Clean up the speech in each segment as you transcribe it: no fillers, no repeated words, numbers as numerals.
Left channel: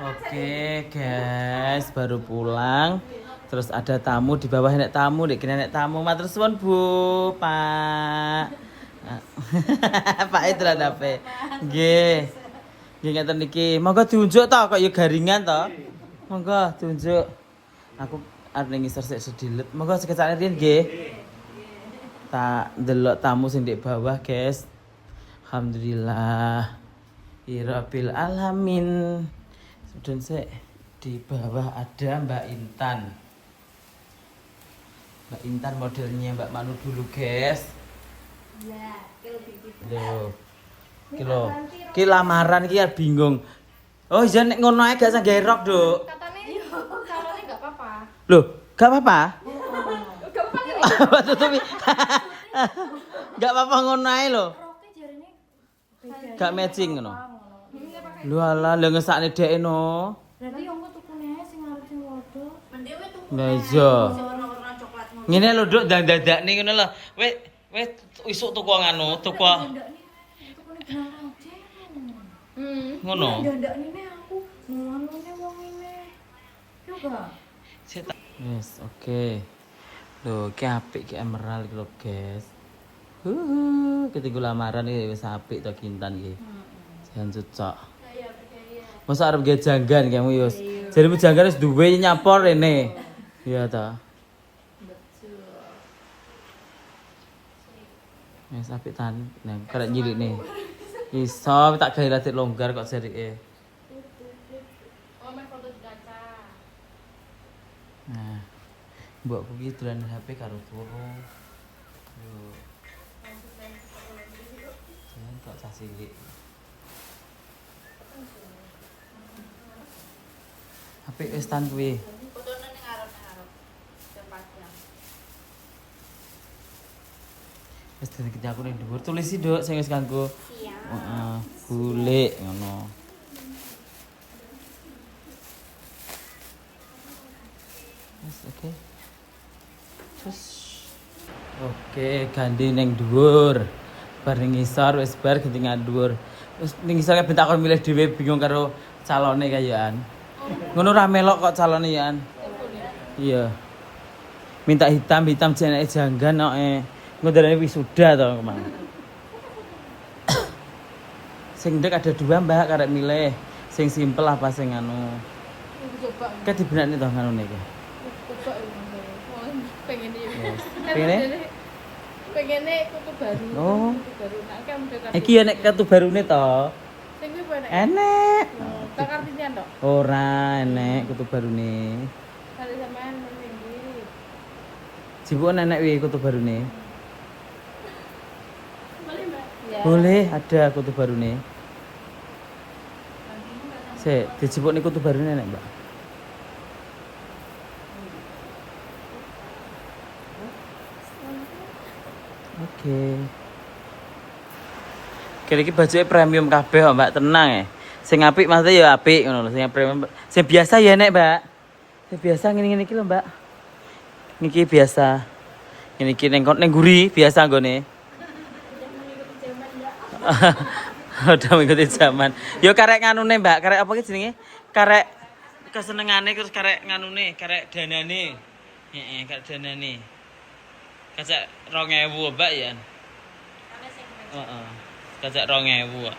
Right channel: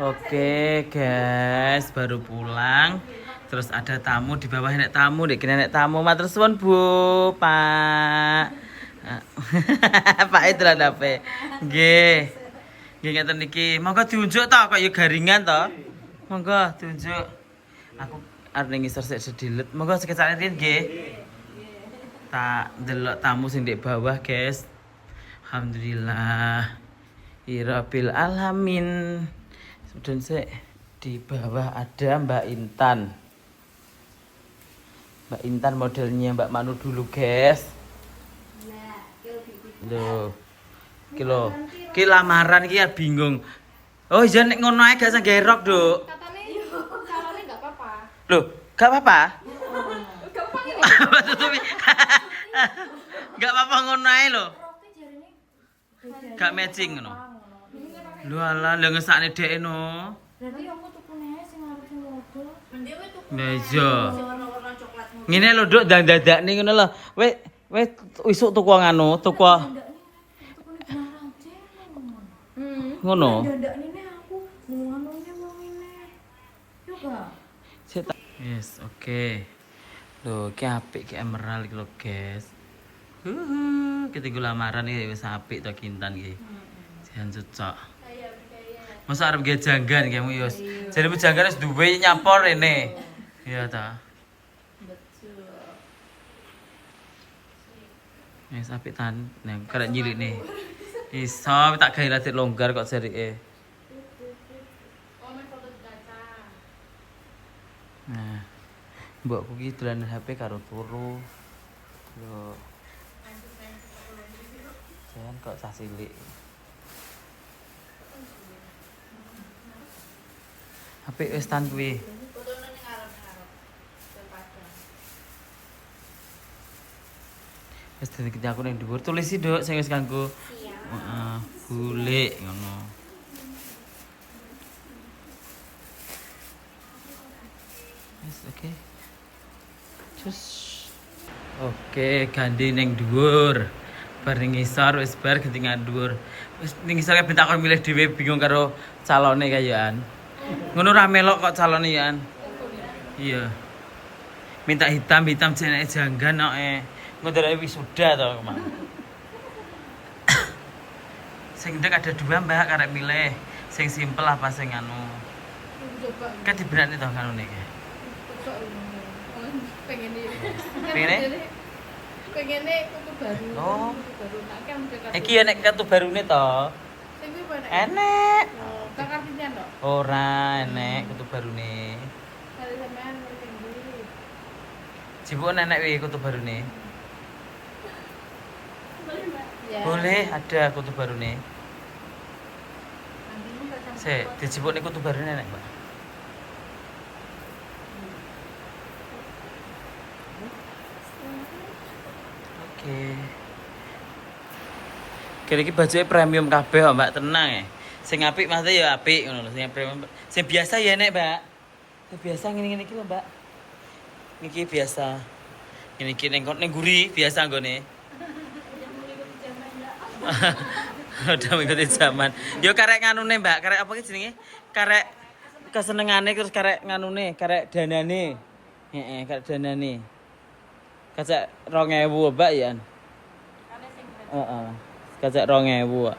Oke guys, baru pulang. Terus ada tamu di bawah, nek tamu, dek kena nek tamu. Matur suwun Bu, Pak. Pak itu lah dape. Nggih. Nggih ngeten niki. Monggo diunjuk to kok ya garingan to. Monggo diunjuk. Aku arep ngisor sik sedilet. Monggo sekecane riyen nggih. Tak ndelok tamu sing ndek bawah, guys. Alhamdulillah. Rabbil alamin. Dan sik di bawah ada Mbak Intan. Mbak Intan modelnya Mbak Manu dulu, guys. Loh. Ki lamaran ki ya bingung. Oh, iya nek ngono ae gak sanggih rok, Duk. Katanya calonnya enggak apa-apa. Loh, gak apa-apa? Enggak apa-apa nih. Tutupi. Gak apa-apa ngono ae lho. Roknya jarine Gak matching ngono. Lho alah, lho ngesakne dhek no. berarti yang gue tukune sing arep sing wodo. Mendewe tuku. Nah iya. Sing warna-warna coklat ngono. Ngene lho, Duk, dadak-dakne ngono lho. Wis isuk tuku nganu, tuku Tukune benang aja. ngono. Dadak nene aku nganune wong ini. Yo gak. Yes, oke. Loh, ki apik ki emerald iki lho, guys. Ketinggu lamaran iki wis apik to Kintan iki. Jangan cocok. Masa arep gawe janggan kamu Yus. Jarimu janggan wis duwe nyapor rene. Iya ta. Wis apik tan nang karek nyilik nih. Iso tak gawe rada longgar kok jarike. Oh, main foto data. Nah, mbokku ki dolan HP karo turu. Yo. Jangan kok cah cilik. HP wis tan kuwi. Fotone ning arep-arep. Terpajang. Wis dadi aku ning dhuwur tulis sih, Duk, sing wis kanggo. Siap. Heeh, golek ngono. Wis oke. Terus oke, ganti ning dhuwur. Bar ning ngisor wis bar ganti nang dhuwur. Wis ning ngisor ben takon milih dhewe bingung karo calone kayaan. Ngono ra melok kok calone yaan. Iya. Minta hitam jenenge janggan kok ngendarane wisuda to, Mang. Sing ndek ada dua, Mbak, karek milih. Sing simpel apa sing anu? Coba. Kan dibenakne to nganune iki. Coba pengen ini. Pengen? Pengennya kuku baru. Oh. Kuku baru. Nah, kamu dekat. Iki enek kartu barune to. Sing kuwi apa nek? Enek. Tak kartian to. Ora enek kartu barune. Kali sampean sing ndi? Jipuk enek wi kartu barune. Boleh, Mbak? Ya. Boleh, ada kartu barune. Sik, dijipuk niku kartu barune enek. Oke. Kene iki bajuke premium kabeh kok, Mbak, tenang ya. Sing apik maksudnya ya apik ngono lho, sing premium. Sing biasa ya nek, Mbak. Sing biasa ngene-ngene iki lho, Mbak. Niki biasa. Ngene iki ning guri biasa nggone. Udah mengikuti zaman. Yo karek nganune, Mbak. Karek apa ki jenenge? Karek kesenengane terus karek nganune, karek danane. Heeh, karek danane. Kacak 2000, Mbak ya. Heeh. Kacak 2000.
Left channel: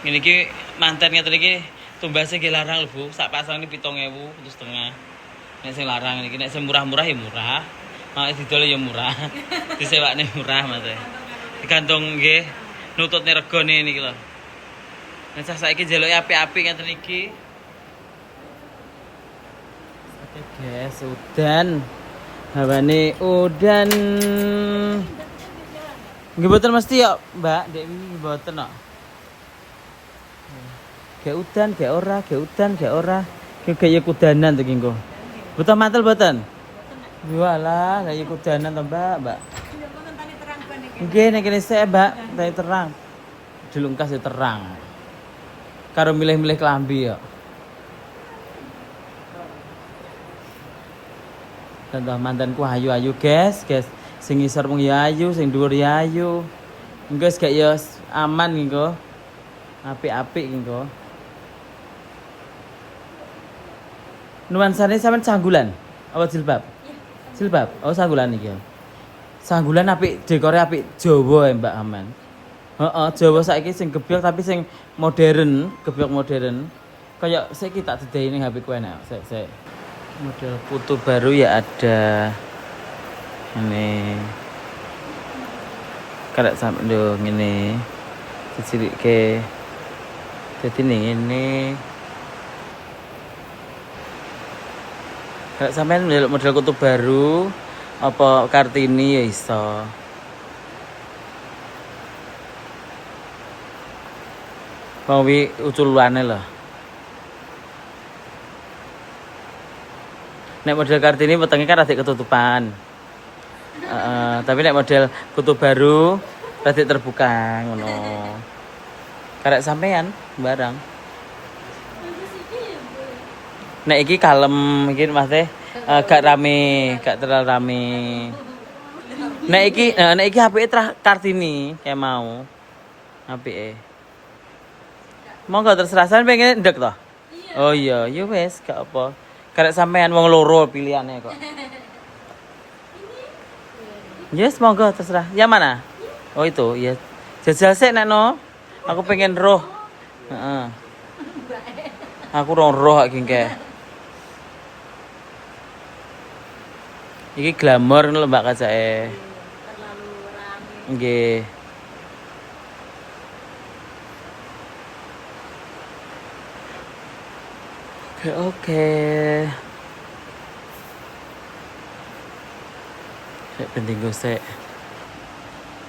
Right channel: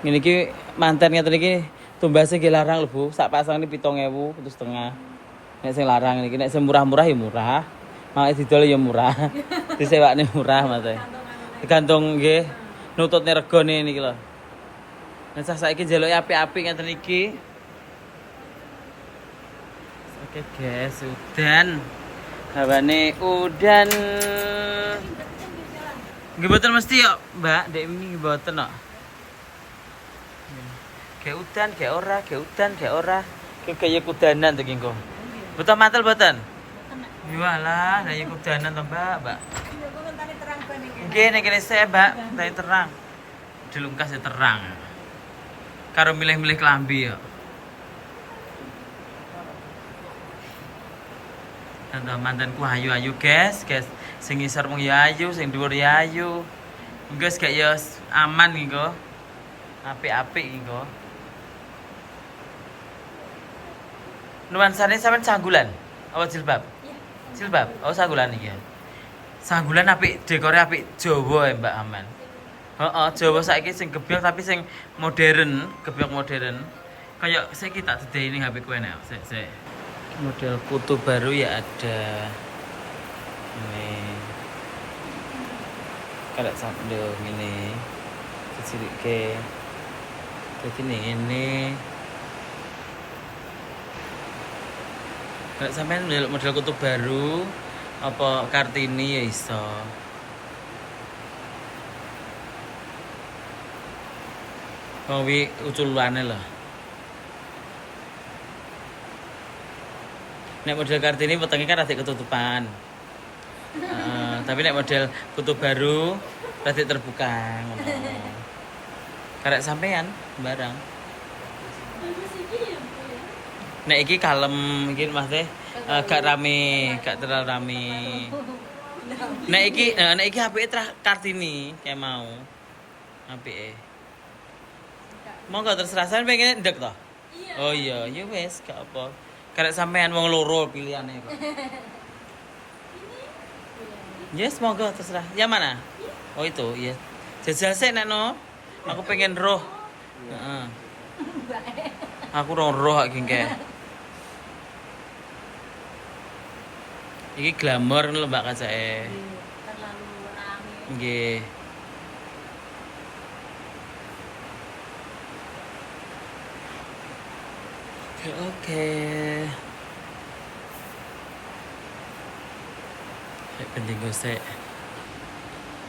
Ngene iki manten ngeten iki tumbase nggih larang lho, Bu. Sak pasang iki 7.000 terus setengah. Nek sing larang iki nek sing murah-murah ya murah. Nek didol ya murah. Disewakne murah, Mas. Digantung nggih nututne regane niki lho. Nek saiki njaluke apik-apik ngeten iki. Oke guys, udan. Hawane udan. Nggih mboten mesti kok, Mbak. Ndek ini mboten kok. Kayak udan, kayak ora, kayak udan, kayak ora. Kayak kudanan tuh kingko. Betul mantel mboten? Iyalah, kayak kudanan to, Mbak. Nggih nek kene sik, Mbak. Tani terang. Dilungkas ya terang. Karo milih-milih klambi ya. Contoh mantanku ayu-ayu, guys. Sing ngisor ya ayu, sing dhuwur ya ayu. Engko gak ya aman nggo. Apik-apik engko. Nuansane sampean sanggulan apa jilbab? Iya. Jilbab. Oh, sanggulan iki. Sanggulan apik, dekore apik Jawa ya, Mbak Aman. Heeh, Jawa saiki sing gebyok tapi sing modern, gebyok modern. Kayak saiki tak dedehi ning HP ku enak. Sik. Model kutu baru ya ada. Ini. Kalau sampe yo ngene. Dicilike. Dadi ning ngene. Kalau sampean model kutu baru apa Kartini ya iso. Mau wi uculane lho. Nek model Kartini wetenge kan rada ketutupan. Tapi nek model kutu baru rada terbuka ngono. Karek sampean barang. Nek iki kalem, iki Mas gak rame, gak terlalu rame. Nek iki apike Kartini kayak mau. Apike. Monggo terserah sampean pengen ndek to? Oh iya, ya wis gak apa. Karek sampean wong loro pilihannya kok. Yes, monggo terserah. Yang mana? Oh itu, iya. Jajal sik nek no. Aku pengen roh. Heeh. Aku roh iki engke. Iki glamor ngono lho Mbak kacake. Nggih. Oke. Sik penting gosek.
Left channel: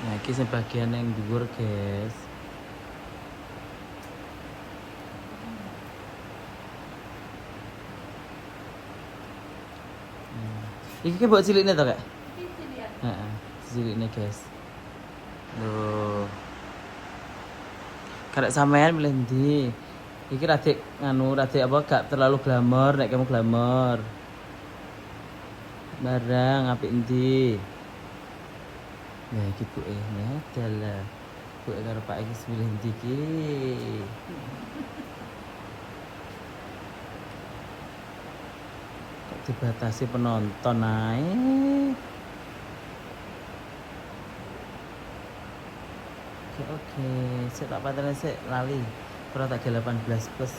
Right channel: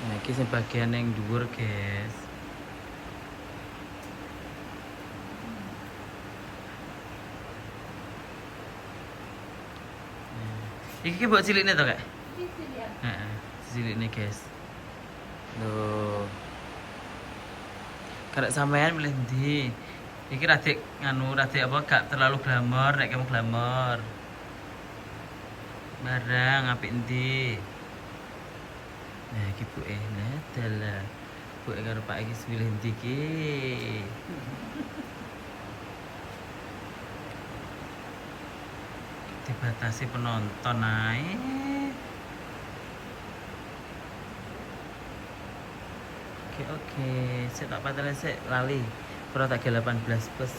Nah, iki sing bagian yang dhuwur, guys. Iki ki mbok cilikne to, Kak? Heeh, cilikne, guys. Loh. Karek sampean milih ndi? Iki radik radik apa gak terlalu glamor, nek kamu glamor. Barang apik endi? Nah, iki buke. Nah, dalah. Buke karo Pak iki milih endi iki? Dibatasi penonton ae. Oke. Sik tak patene sik lali. Ora tak 18 plus.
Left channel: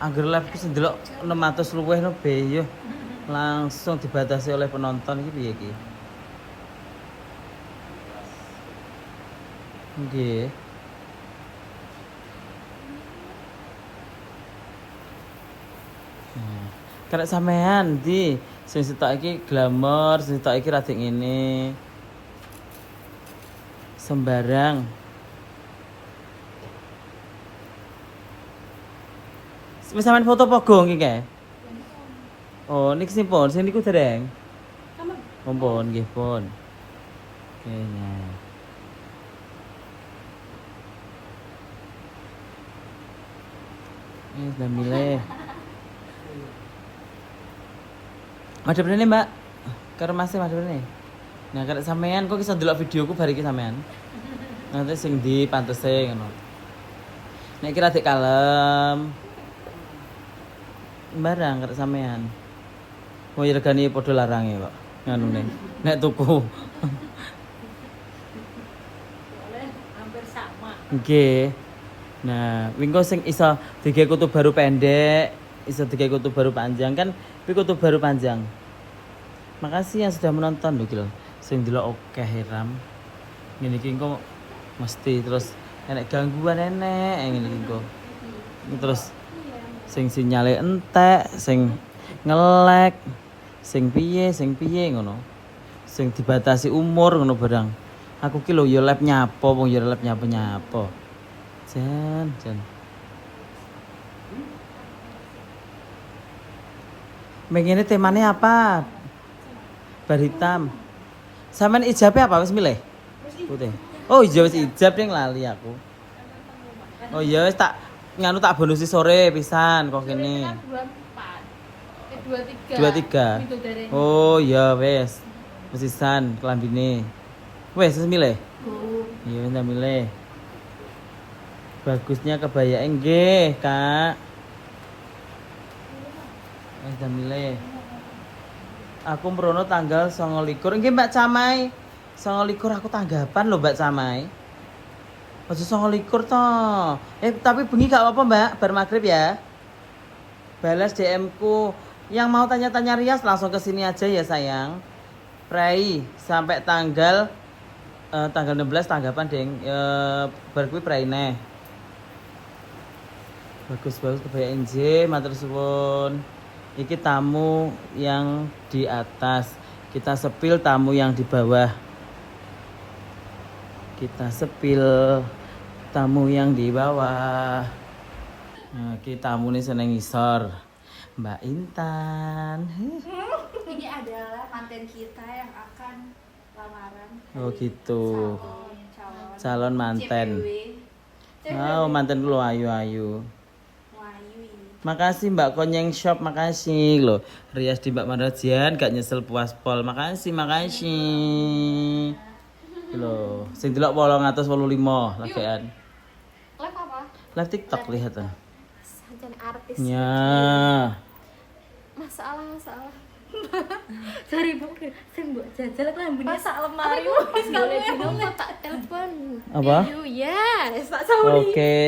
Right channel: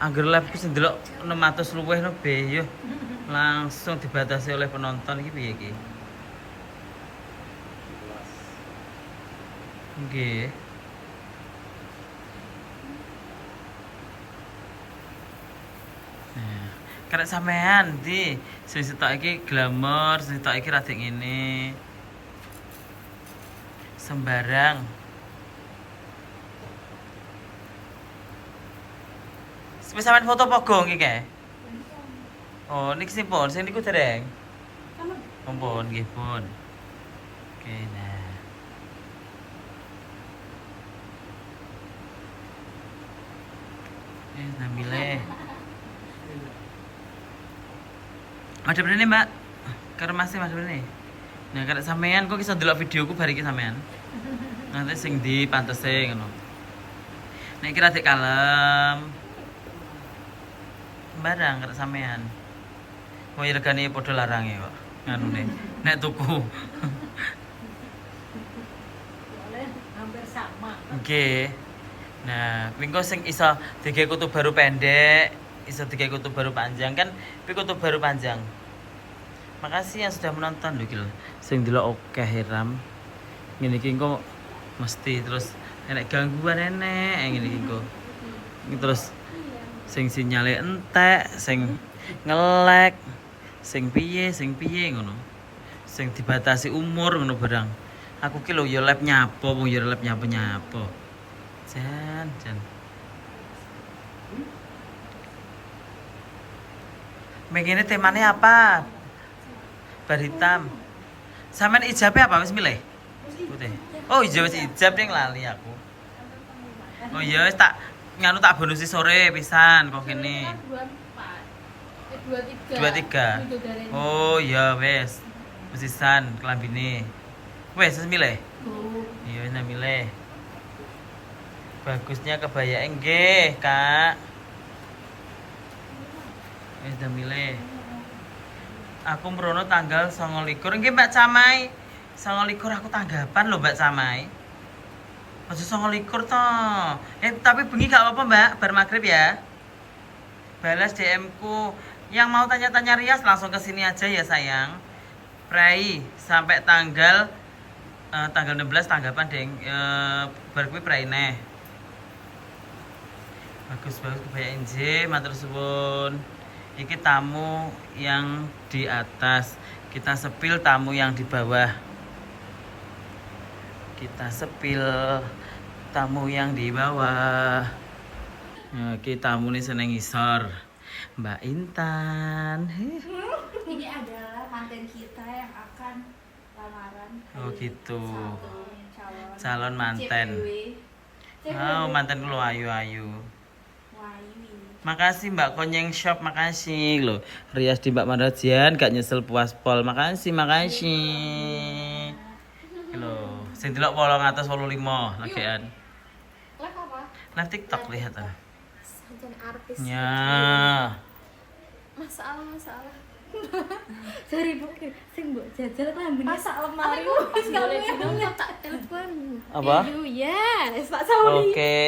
Angger live ki ndelok 600 luwih no be yo. Langsung dibatasi oleh penonton iki piye iki? Nggih. Nah, karek sampean ndi sing sitok iki glamor, sing sitok iki rada ngene. Sembarang. Wis sampean foto pogong iki kae. Oh, niki sing pon, sing niku dereng. Pon nggih pon. Oke, nah. Sudah milih. Ada berani Mbak? Karo Mas ada berani? Nah, kalau sampean kok iso ndelok videoku bar iki sampean. Nanti sing ndi pantese ngono. Nek kira dik kalem. Barang karo sampean. Oh, ya regane padha larange kok. Nganune. Nek tuku. Hampir sama. Nggih. Nah, wingko sing iso digawe kutu baru pendek, iso digawe kutu baru panjang kan, kuwi kutu baru panjang. Makasih yang sudah menonton lho iki lho. Sing delok akeh Hiram. Ngene iki engko mesti terus enek gangguan enek ngene iki engko. Terus sing sinyale entek, sing ngelek, sing piye ngono. Sing dibatasi umur ngono barang. Aku ki lho ya lab nyapo, wong ya lab nyapo. Jan. Begini temanya apa? Bar hitam. Sampean ijabnya apa wis milih? Putih. Oh iya wis ijab ning lali aku. Oh iya wis tak nganu tak bonusi sore pisan kok kene. 23. Oh iya wis. Wis pisan kelambine. Wes milih. Bu. Iya, wis milih. Bagusnya kebaya nggih, Kak. Wis milih. Aku mrono tanggal 29. Nggih, Mbak Camai. 29 aku tanggapan lho, Mbak Camai. Aja 29 toh. Tapi bengi gak apa-apa, Mbak. Bar maghrib ya. Balas DM ku. Yang mau tanya-tanya rias langsung ke sini aja ya, sayang. Prei sampai tanggal 16 tanggapan, Deng. Bar kuwi prei neh. Bagus-bagus kebaya NJ, matur suwun. Iki tamu yang di atas. Kita sepil tamu yang di bawah. Kita sepil tamu yang di bawah. Nah, iki tamu nih seneng ngisor. Mbak Intan. Ini adalah manten kita yang akan lamaran. Oh gitu. Calon Calon manten. Oh, manten lu ayu-ayu. Makasih Mbak Konyeng Shop, makasih loh. Rias di Mbak Marajian gak nyesel puas pol. Makasih. Loh, sing delok 885 lagian. Live apa? Live TikTok lihat tuh. Sanjane artis. Ya. Masalah. Sorry Bu, sing mbok jajal klambine sak lemari. Pas kamu tak telepon. Apa? Ya, Pak Sauri. Oke.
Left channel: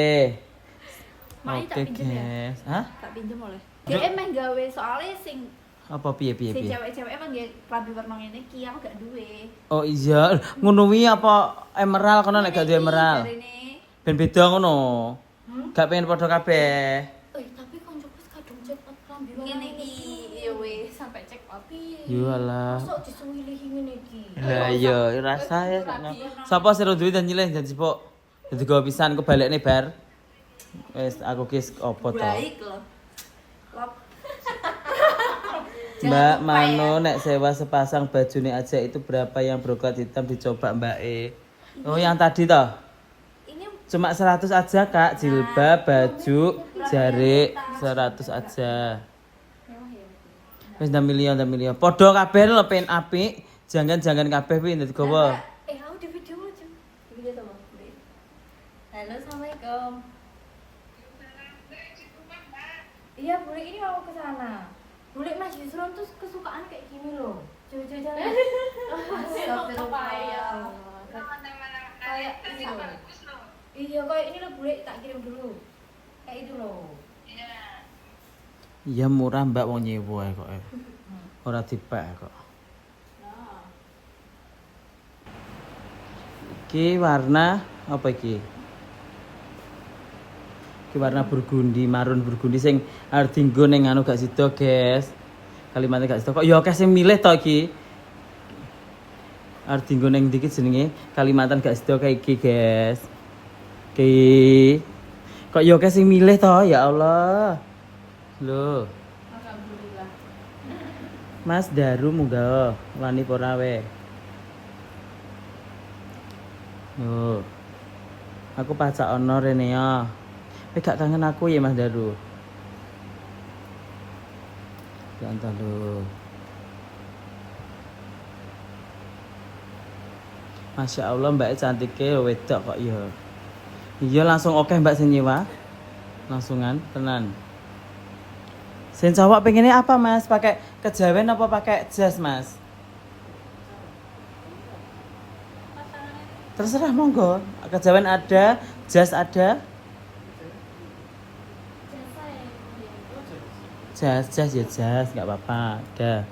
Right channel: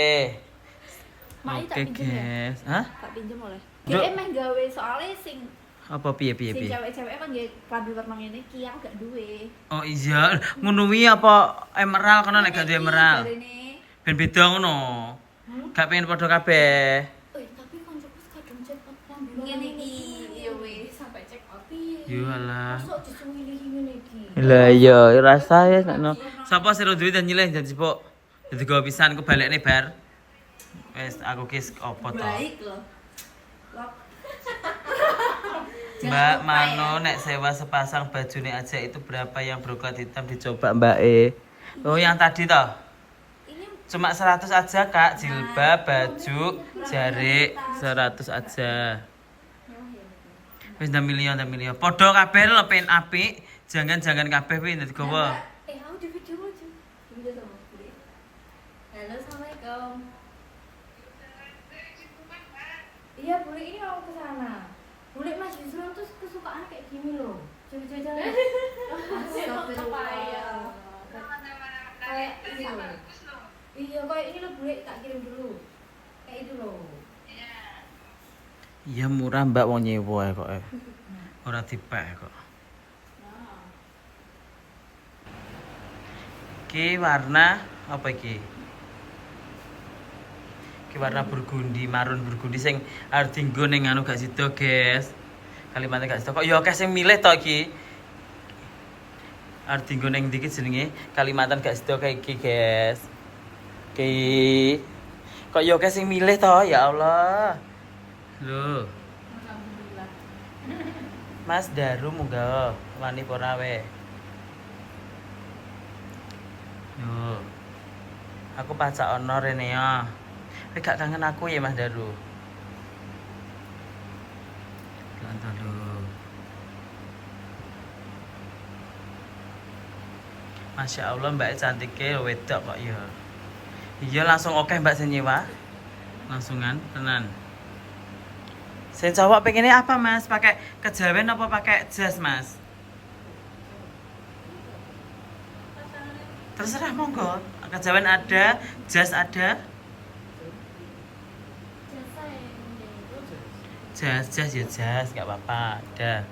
Mai tak Oke, pinjem ya? guys. Hah? Tak pinjem oleh. Bro. Dia emang gawe soalnya sing Apa piye? cewek-cewek emang nggih klambi warna ngene iki aku gak duwe. Oh iya, ngono wi apa emerald kono nek gak duwe emerald. Jarine. Ben beda ngono. Gak pengen padha kabeh. Tapi koncoku kadung check out klambi ngene iki. Ya wis sampai check out piye. Yo alah. Masuk disuwilihi ngene iki. Lah iya, rasa ya sakno. Sapa sing duwe dan nyileh janji pok. Dadi gawe pisan ku balekne bar. Wes aku kis opo to. Baik loh. Lop. Mbak Mano nek sewa sepasang bajune aja itu berapa yang brokat hitam dicoba Mbak E? Oh yang tadi toh? Ini Cuma 100 aja Kak, jilbab, baju, jarik 100 aja. Wis 6 miliar. Podho kabeh lho pen apik, jangan kabeh kuwi dadi gowo. aku di video aja. Di video sama Bu. Halo, Assalamualaikum. Iya, Bule ini mau ke sana. Bule Mas Yusron tuh kesukaan kayak gini loh. Coba-coba. Astagfirullah. Kayak ini loh. Iya, kayak ini loh Bule tak kirim dulu. Kayak itu loh. Iya murah Mbak wong nyewa kok. Ora dipek kok. Iki warna apa iki? Iki warna burgundi, marun burgundi sing arep dienggo ning anu gak sida, guys. Kalimatnya gak sida kok ya akeh sing milih to iki. Arep dienggo ning ndi iki jenenge? Kalimantan gak sida kayak iki, guys. Iki kok ya akeh sing milih to, ya Allah. Loh. Alhamdulillah. Mas Daru muda, wani ora we. Yo. Aku pacak ono rene ya. Gak kangen aku ya Mas Daru. Ganteng lho. Masya Allah Mbak cantiknya wedok kok ya. Iya langsung oke Mbak sing nyewa. Langsungan tenan. Sing cowok pengennya apa Mas? Pakai kejawen apa pakai jas Mas? Terserah monggo. Kejawen ada, jas ada. Jas ya jas, nggak apa-apa. Ada.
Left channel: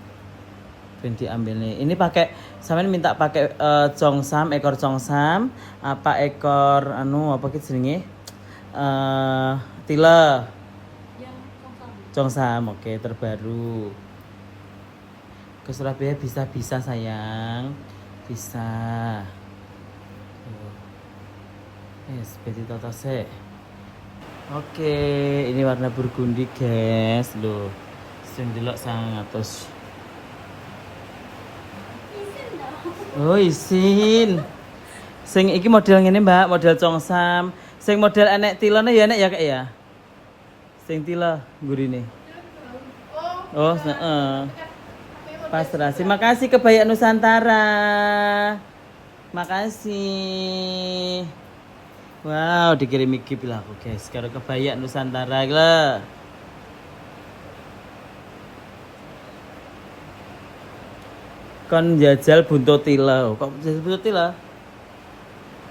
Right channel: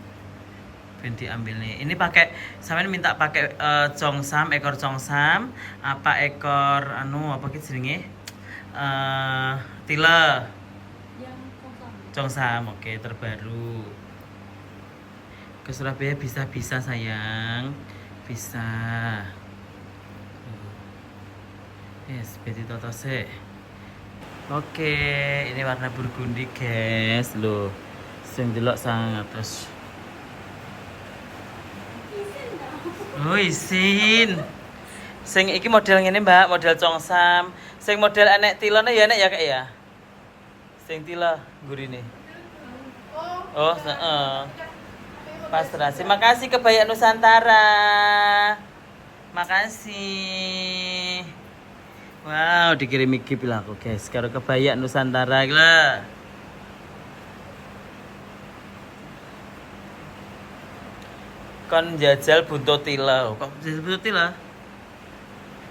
Ganti ambil nih. Ini pakai, sampean minta pakai congsam, ekor congsam, apa ekor anu apa gitu jenenge? Tila. Congsam, oke terbaru. Ke Surabaya bisa sayang, bisa. Yes, beti toto se. Oke, ini warna burgundi guys, loh. Sing delok 100. Oh isin. Sing iki model ngene Mbak, model congsam. Sing model enek tilone ya enek ya Kak ya. Sing tila gurine. Oh, heeh. Pasrah. Terima kasih Kebaya Nusantara. Makasih. Wow, dikirimi gift lah aku guys. Karo kebaya Nusantara lah. Kan jajal buntutila. Kok jajal buntutila?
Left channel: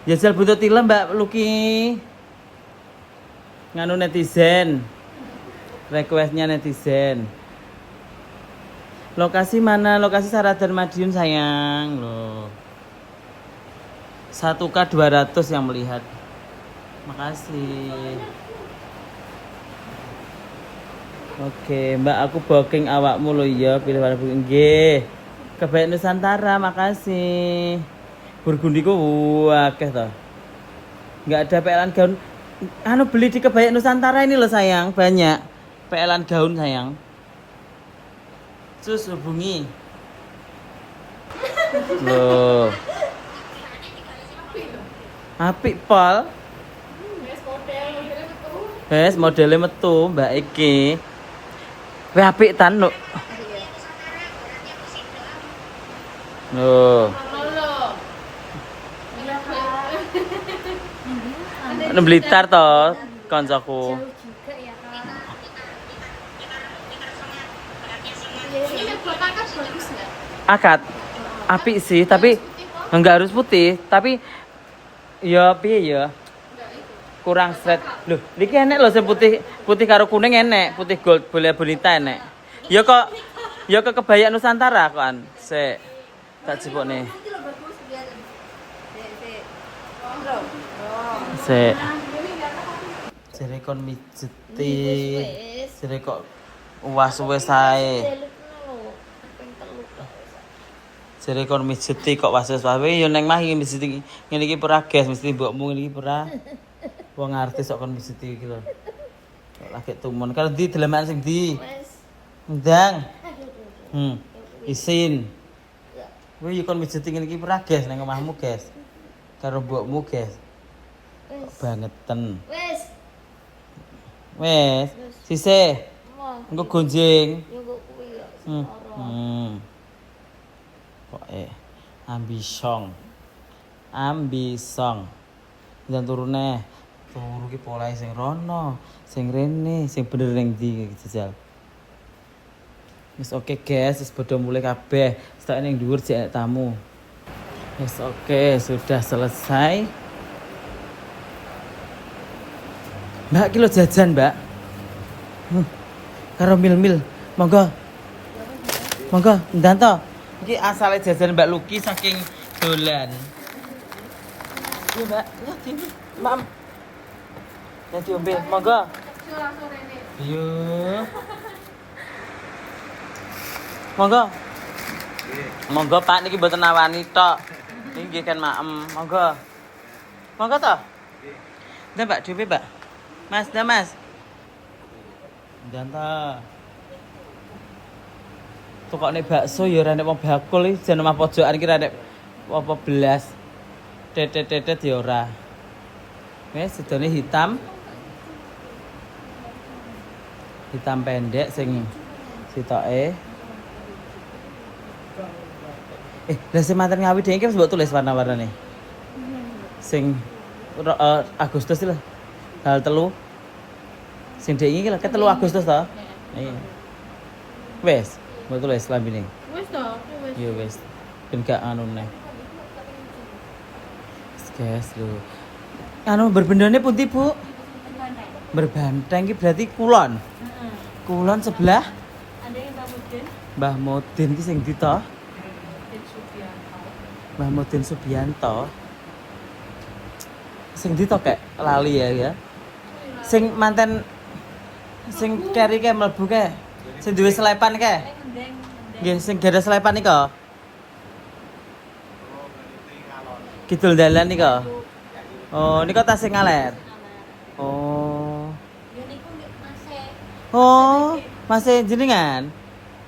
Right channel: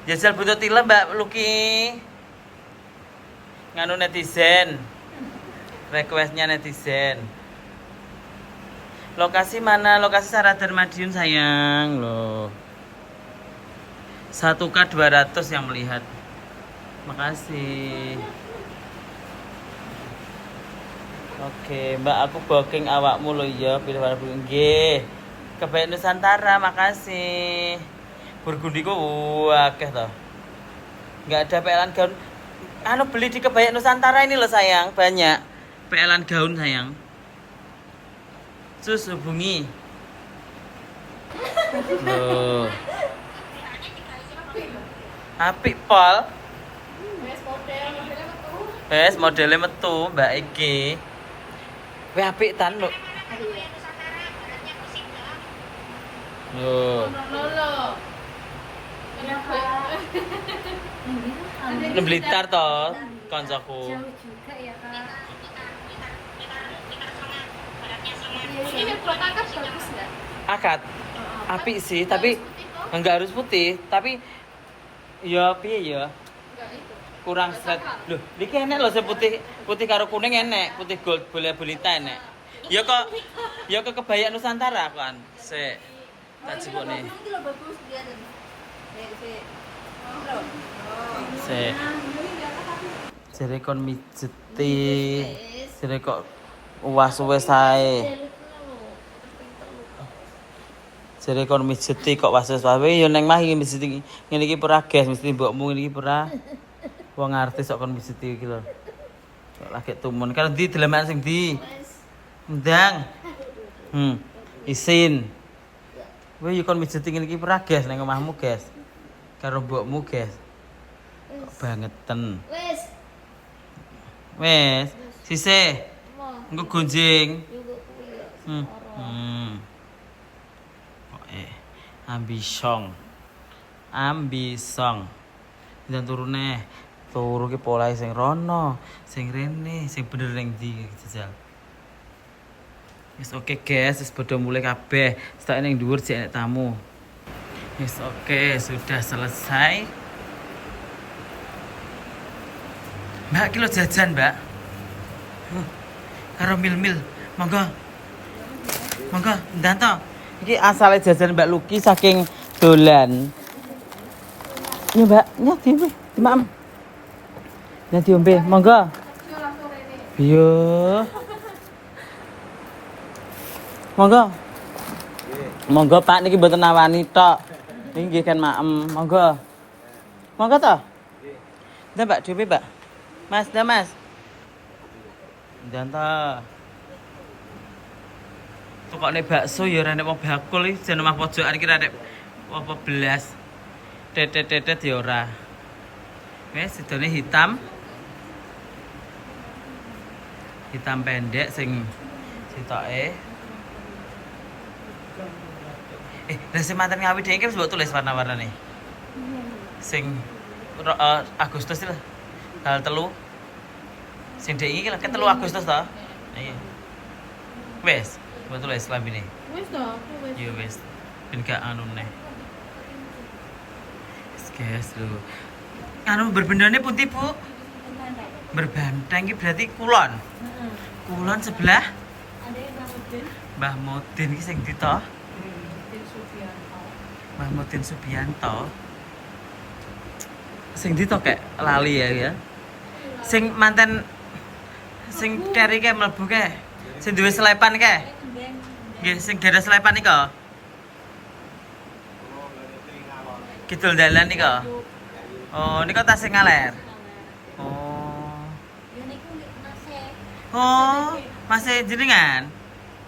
Jajal buntutila Mbak Luki. Nganu netizen. Requestnya netizen. Lokasi mana? Lokasi Saradan Madiun sayang loh. 1K 200 yang melihat. Makasih. Oke, Mbak aku booking awakmu lo ya, pilih nggih. Kebaya Nusantara, makasih. Burgundi ku akeh to. Enggak ada pelan gaun. Anu beli di Kebaya Nusantara ini loh sayang, banyak. Pelan gaun sayang. Sus hubungi. Loh. Apik pol. Wes modelnya metu Mbak iki. Kowe apik tan lho. Loh. Nang Blitar to kancaku. Ini buat angkat bagus nggak? Akad. Apik sih, tapi enggak harus putih, tapi ya piye ya? Kurang straight. Loh, niki enek lho sing putih, putih karo kuning enek, putih gold boleh bonita enek. Ya kok kebaya Nusantara kan. Sik. Tak jebokne. Sik. Jere kon mijeti. Jere kok uwas-uwes ae. Jere kon mijeti kok was-was wae ya neng mah iki mijeti ngene iki ora gas mesti mbokmu ngene iki ora. Wong artis kok kon mijeti iki lho. Kok lagi tumun karo ndi deleman sing ndi? Ndang. Isin. Kowe yo kon mijeti ngene iki ora gas nang omahmu gas. Karo mbokmu gas. Kok bangeten. Wes, sisih. Engko gonjing. Yo kok kuwi ya. Kok ambisong. Dan turune. Turu ki polahe sing rono, sing rene, sing bener ning ndi jajal. Wis oke guys, wis padha mulai kabeh. Stak ning dhuwur jek tamu. Wis oke, sudah selesai. Mbak kilo jajan, Mbak. Karo mil-mil. Monggo. Monggo, ndanto. Iki asale jajan Mbak Luki saking dolan. Ini Mbak, nyati ini. Maaf. Nyati ombe, monggo. Iya. Monggo. Monggo Pak niki mboten nawani tok. Nggih kan maem. Monggo. Monggo to? Nggih. Mbak, dhewe, Mbak. Mas, dah Mas. Jantan. Tukokne bakso ya ora nek wong bakul iki jan omah pojokan iki ora nek apa belas. Tetet-tetet ya ora. Wes sedone hitam. Hitam pendek sing sitoke. Lah sing manten ngawi dhewe iki wis mbok tulis warna-warnane. Sing Agustus lho. Hal telu. Sing dhek iki lho 3 Agustus to. Iya. Wes, mbok tulis lambene. Wis to, aku wis. Yo wes. Ben gak anu neh. Guys lho. Anu berbendane pundi, Bu? Berbanteng iki berarti kulon. Heeh. Kulon sebelah Ada yang Mudin, Mbah Mudin iki sing ndi to? Subianto. Mbah Mudin Subianto. Sing ndi to kek lali ya. Sing manten sing keri ke mlebu ke. Sing duwe selepan ke. Nggih, sing gara selepan nika. Kidul dalan nika. Oh, nika tas sing ngaler. Oh. Ya niku nggih masih. Oh, masih jenengan.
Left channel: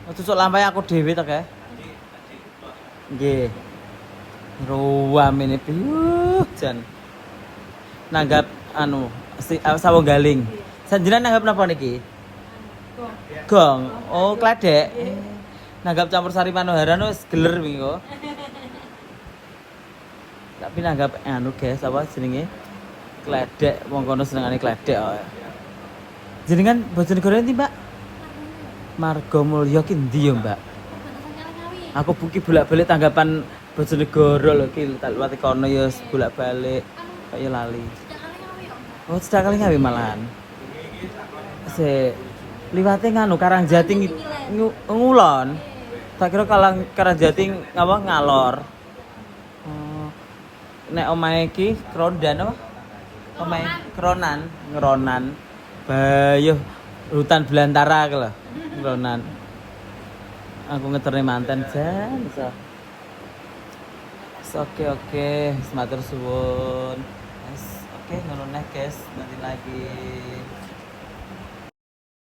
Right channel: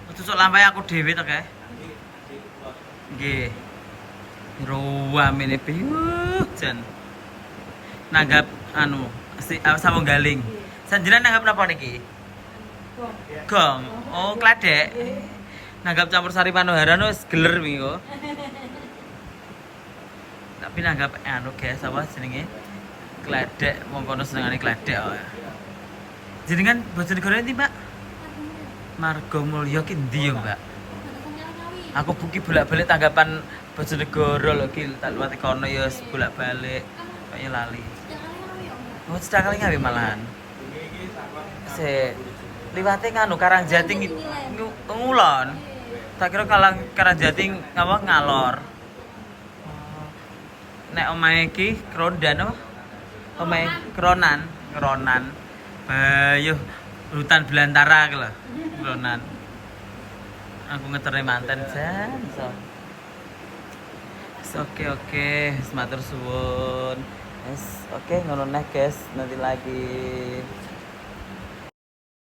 Oh, tusuk lampahe aku dhewe to, Kek. Nggih. Ruwam ini jan. Nanggap anu sawo galing. Sanjenan nanggap napa niki? Gong. Oh, kladek. Nanggap campur sari panoharan wis geler wingi kok. Tapi nanggap anu guys apa jenenge? Kledek wong kono senengane kledek. Oh. Jenengan Bojonegoro ndi, Mbak? Margomulyo ki ndi ya, Mbak? Aku buki bolak-balik tanggapan Bojonegoro lho ki, tak liwat kono ya bolak-balik. Kaya lali. Oh, cedak kali ngawi malahan. Se liwate nganu Karangjati ngulon. Tak kira Karangjati ngapa ngalor. Nek omahe iki Krondan apa? Omahe Ngeronan. Bayuh hutan belantara ki lho. Ngeronan. Aku ngeterne manten jan. Oke, matur suwun. Yes, oke ngono neh guys, nanti lagi.